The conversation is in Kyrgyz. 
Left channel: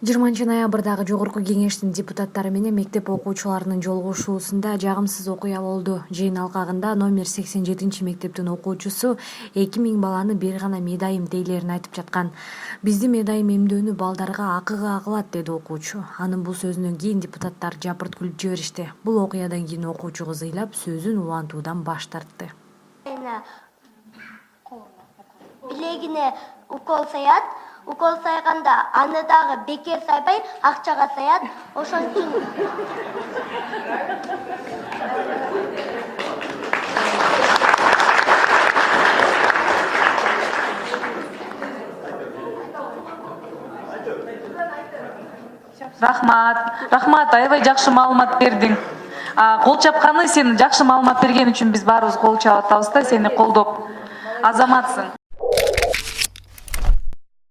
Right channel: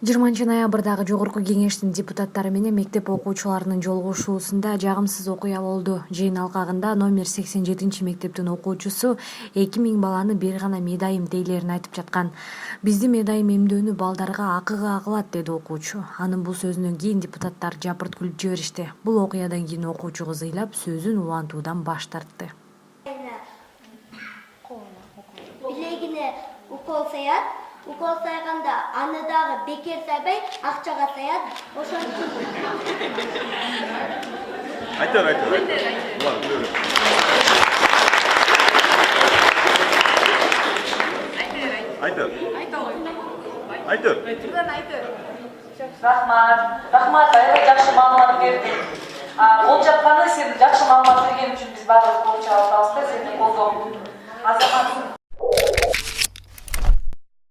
20 ноябрдагы Жогорку Кеңештин депутаттары менен мектеп окуучуларынын жолугушуусунда жагымсыз окуя болду. Жыйын алкагында номер 87 мектептин окуучусу 2000 баланы бир гана медайым дейлерин айтып жаткан. Бизди медайым эмдөөнү балдарга акыга кылат, деди окуучу. Анын бул сөзүнөн кийин депутаттар жапырт күлүп жиберишти. Бул окуядан кийин окуучу кызыйлап сөзүн улантуудан баш тартты. Билегине укол саят, укол сайганда аны дагы бекер сайбай акчага саят. Ошентип Рахмат, аябай жакшы маалымат бердиң. Кол чапканы сен жакшы маалымат берген үчүн биз баарыбыз кол чабып атабыз да, сени колдоп. Азаматсың.